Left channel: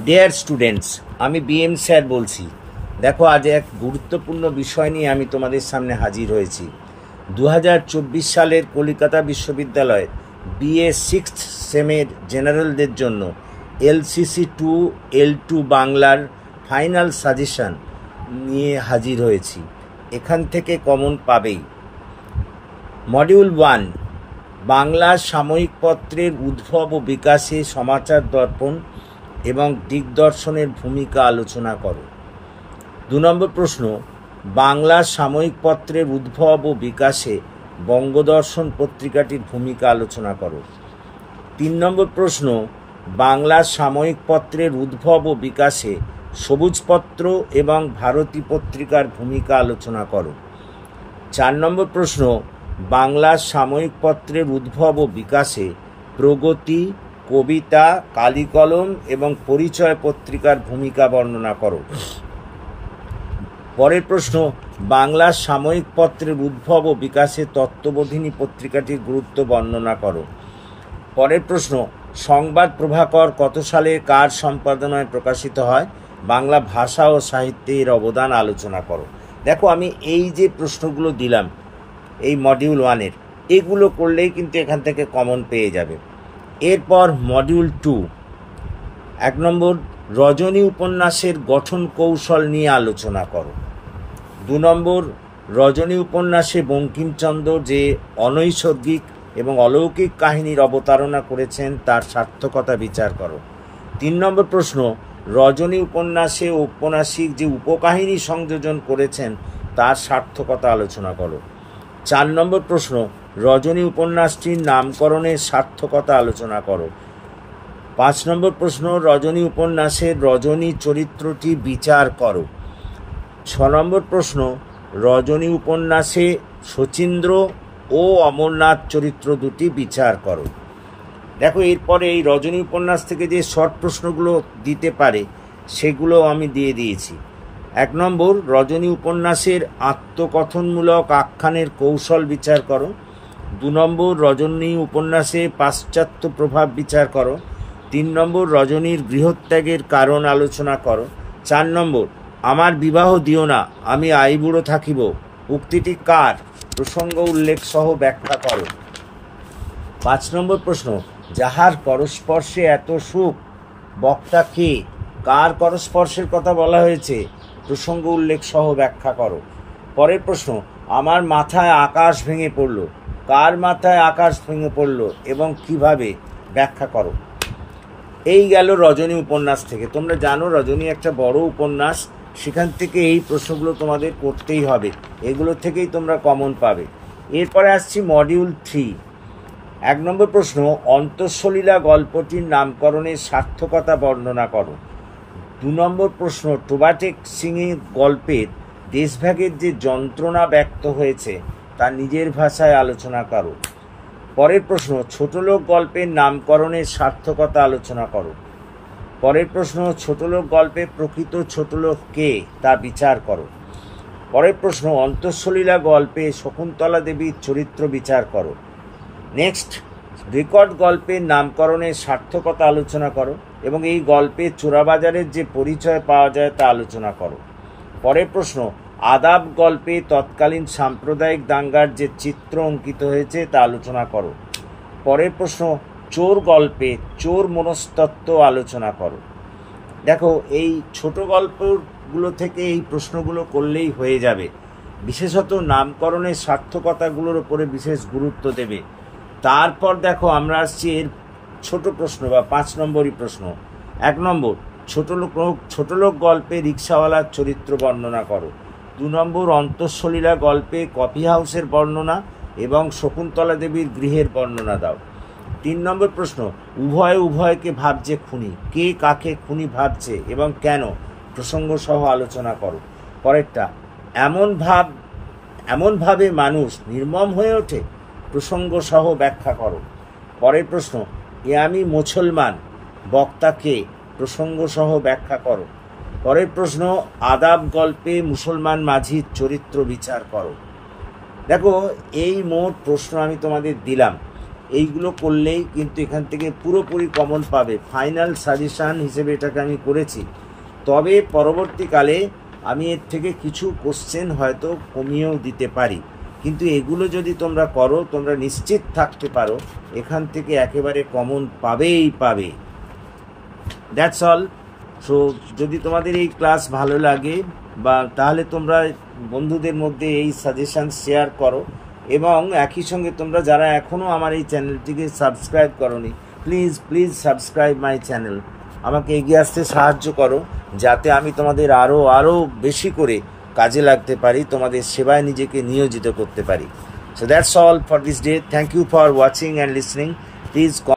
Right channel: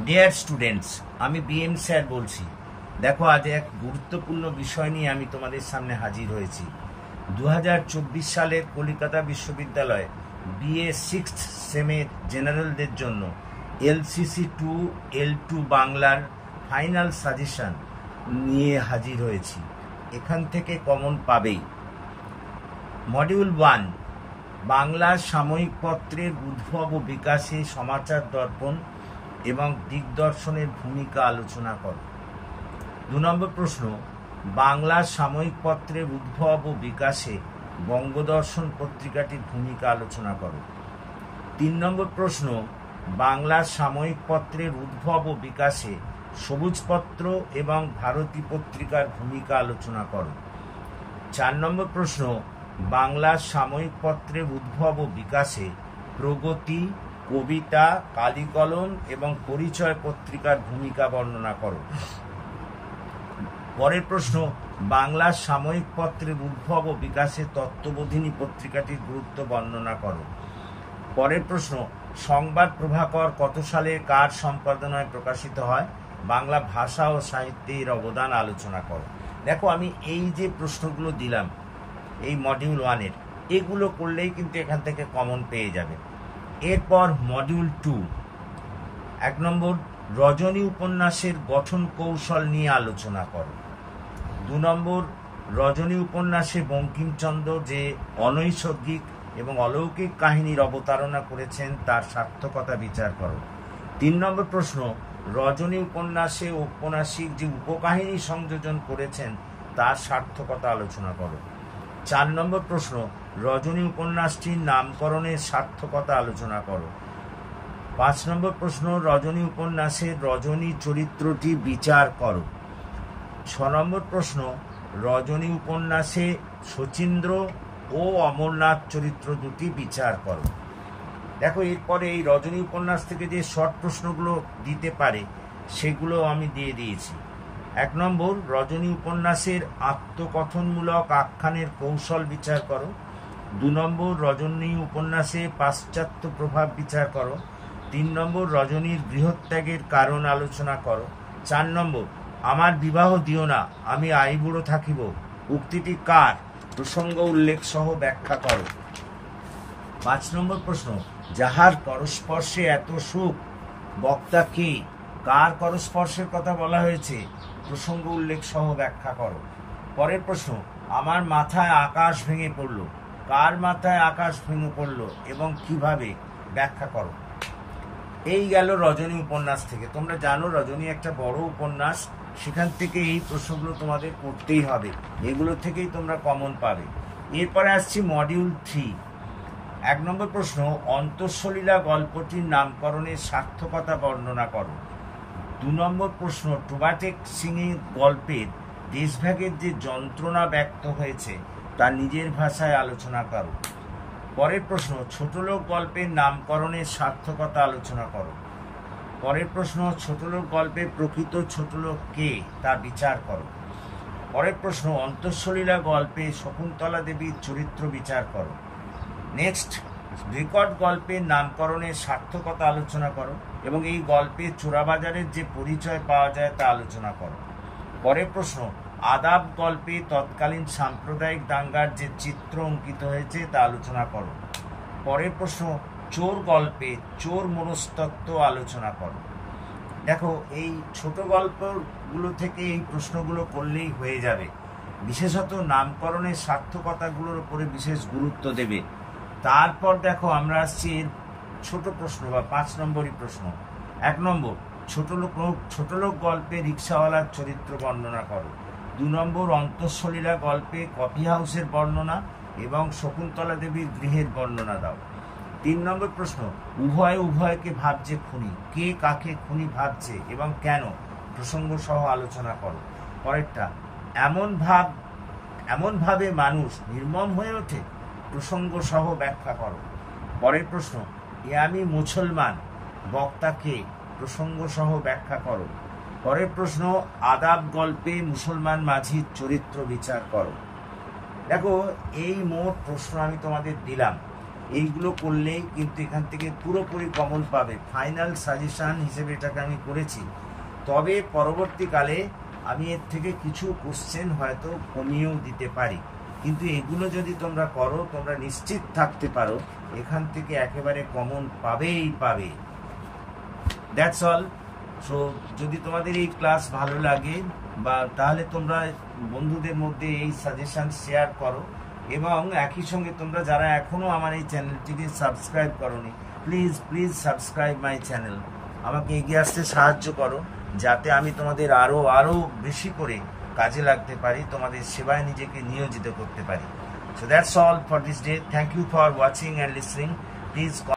Dear students, আমি BM sir বলছি। দেখো, আজ এক গুরুত্বপূর্ণ বিষয় নিয়ে আমি তোমাদের সামনে হাজির হয়েছি। 2024 সালের কলকাতা বিশ্ববিদ্যালয় বিএ সিক্সথ সেমের জেনারেলদের জন্য LCC 2 L2 বাংলার ফাইনাল সাজেশন নিয়ে হাজির হয়েছি। এখান থেকে কমন পাবেই। মডিউল 1, বাংলা সাময়িক পত্রের উদ্ভব ও বিকাশে সমাচার দর্পণ এবং দিগদর্শনের ভূমিকা আলোচনা করো। 2 নম্বর প্রশ্ন, বাংলা সাময়িক পত্রের উদ্ভব ও বিকাশে বঙ্গদর্শন পত্রিকাটির ভূমিকা আলোচনা করো। 3 নম্বর প্রশ্ন, বাংলা সাময়িক পত্রের উদ্ভব ও বিকাশে সবুজপত্র এবং ভারতী পত্রিকার ভূমিকা আলোচনা করো। 4 নম্বর প্রশ্ন, বাংলা সাময়িক পত্রের উদ্ভব ও বিকাশে প্রগতি, কবিতা, কালিকলম এবং পরিচয় পত্রিকার ভূমিকা বর্ণনা করো। পরের প্রশ্ন, বাংলা সাময়িক পত্রের উদ্ভব ও বিকাশে তত্ত্ববোধিনী পত্রিকাটির গুরুত্ব বর্ণনা করো। পরের প্রশ্ন, সংবাদ প্রভাকর কত সালে কার সম্পাদনায় প্রকাশিত হয়? বাংলা ভাষা ও সাহিত্যের অবদান আলোচনা করো। দেখো, আমি এই যে প্রশ্নগুলো দিলাম এই মডিউল 1-এর, এগুলো করলেই কিন্তু এখান থেকে কমন পেয়ে যাবে। এরপর মডিউল 2, 1 নম্বর, রজনী উপন্যাসের গঠন কৌশল নিয়ে আলোচনা করো। 2 নম্বর, রজনী উপন্যাসে বঙ্কিমচন্দ্র যে অনৈসর্গিক এবং অলৌকিক কাহিনীর অবতারণা করেছেন তার সার্থকতা বিচার করো। 3 নম্বর প্রশ্ন, রজনী উপন্যাসে ঔপন্যাসিক যে উপকাহিনী সংযোজন করেছেন তার সার্থকতা আলোচনা করো। 4 নম্বর প্রশ্ন, রজনী উপন্যাসটির নামকরণের সার্থকতা আলোচনা করো। 5 নম্বর প্রশ্ন, রজনী উপন্যাসের রজনী চরিত্রটি বিচার করো। 6 নম্বর প্রশ্ন, রজনী উপন্যাসে শচীন্দ্র ও অমরনাথ চরিত্র দুটি বিচার করো। দেখো, এরপরে এই রজনী উপন্যাস থেকে যে শর্ট প্রশ্নগুলো দিতে পারে সেগুলো আমি দিয়ে দিয়েছি। 1 নম্বর, রজনী উপন্যাসের আত্মকথনমূলক আখ্যানের কৌশল বিচার করো। 2 নম্বর, রজনী উপন্যাসে পাশ্চাত্য প্রভাব বিচার করো। 3 নম্বর, রজনীর গৃহত্যাগের কারণ আলোচনা করো। 4 নম্বর, আমার বিবাহ দিও না, আমি আইবুড়ো থাকিব উক্তিটি কার? প্রসঙ্গ উল্লেখ সহ ব্যাখ্যা করো। 5 নম্বর প্রশ্ন, যাহার করস্পর্শে এত সুখ, বক্তা কে? কার করস্পর্শের কথা বলা হয়েছে? প্রসঙ্গ উল্লেখ সহ ব্যাখ্যা করো। পরের প্রশ্ন, আমার মাথায় আকাশ ভেঙে পড়ল, কার মাথায় আকাশ ভেঙে পড়ল এবং কিভাবে? ব্যাখ্যা করো। এই গেল রজনী উপন্যাস থেকে। তোমরা জানো রজনী একটা বড় উপন্যাস, সেখান থেকে এই প্রশ্নগুলো তোমাদের করতেই হবে, এগুলো থেকেই তোমরা কমন পাবে। এরপরে আসছি মডিউল 3, 1 নম্বর প্রশ্ন, অন্তঃসলীলা গল্পটির নামকরণের সার্থকতা বর্ণনা করো। 2 নম্বর প্রশ্ন, টোবাটেক সিংয়ের গল্পের দেশভাগের যে যন্ত্রণা ব্যক্ত হয়েছে তা নিজের ভাষায় আলোচনা করো। পরের প্রশ্ন, ছোটলোক গল্পের নামকরণের সার্থকতা আলোচনা করো। পরের প্রশ্ন, ছোটলোক গল্পে প্রকৃত ছোটলোক কে তা বিচার করো। পরের প্রশ্ন, অন্তঃসলীলা গল্পে শকুন্তলা দেবীর চরিত্র বিচার করো। নেক্সট, রেকর্ড গল্পের নামকরণের সার্থকতা আলোচনা করো এবং এই গল্পে চোরাবাজারের যে পরিচয় পাওয়া যায় তা আলোচনা করো। পরের প্রশ্ন, আদাব গল্পে তৎকালীন সাম্প্রদায়িক দাঙ্গার যে চিত্র অঙ্কিত হয়েছে তা আলোচনা করো। পরের প্রশ্ন, চোর গল্পে চোর মনস্তত্ত্ব আলোচনা করো। দেখো, এই ছোট গল্পগুলো থেকে এই প্রশ্নগুলো করলেই হয়ে যাবে। বিশেষত নামকরণের সার্থকতাগুলোর উপরে বিশেষ গুরুত্ব দেবে। তারপর দেখো, আমরা আসছি এর ছোট প্রশ্ন বা 5 নম্বরই প্রশ্ন। 1 নম্বর, ছোটলোক গল্পে রিক্সাওয়ালার চরিত্র বর্ণনা করো। 2 নম্বর, অন্তঃসলীলা গল্পে কফি হাউসের বর্ণনা এবং শকুন্তলা দেবীর গৃহের বর্ণনা দাও। 3 নম্বর প্রশ্ন, উভয়কে ভাবছে খুনি, কে কাকে খুনি ভাবছে এবং কেন? প্রসঙ্গ সহ আলোচনা করো। পরেরটা, এমনভাবে মানুষ নির্মম হয়ে ওঠে, প্রসঙ্গ সহ ব্যাখ্যা করো। পরের প্রশ্ন, এ আমি মুসলমান, বক্তা কে? প্রসঙ্গ সহ ব্যাখ্যা করো। পরের প্রশ্ন, আদাব গল্পে মুসলমান মাঝির চরিত্র বিচার করো। দেখো, এই মোট প্রশ্ন আমি তোমাদের দিলাম। এইগুলো করলেই কিন্তু এখান থেকে পুরোপুরি কমন পাবে। ফাইনাল সাজেশান হিসেবে এটাকে আমি করেছি, তবে পরবর্তীকালে আমি এর থেকে কিছু কোশ্চেন হয়তো কমিয়েও দিতে পারি, কিন্তু এগুলো যদি তোমরা করো তোমরা নিশ্চিত থাকতে পারো এখান থেকে একেবারে কমন পাবেই পাবে। That's all. সো যদি তোমাদের এই ক্লাস ভালো লাগে বা তাহলে তোমরা বন্ধুদের মধ্যে এই সাজেশান শেয়ার করো, এবং একই সঙ্গে তোমরা যারা এখনও আমার এই চ্যানেলটিকে সাবস্ক্রাইব করোনি, please please subscribe my channel. আমাকে এগিয়ে আসতে সাহায্য করো যাতে আমি তোমাদের আরও বেশি করে কাজে লাগতে পারি, তোমাদের সেবায় নিজেকে নিয়োজিত করতে পারি। So that's all for this day. Thank you for watching and listening. Please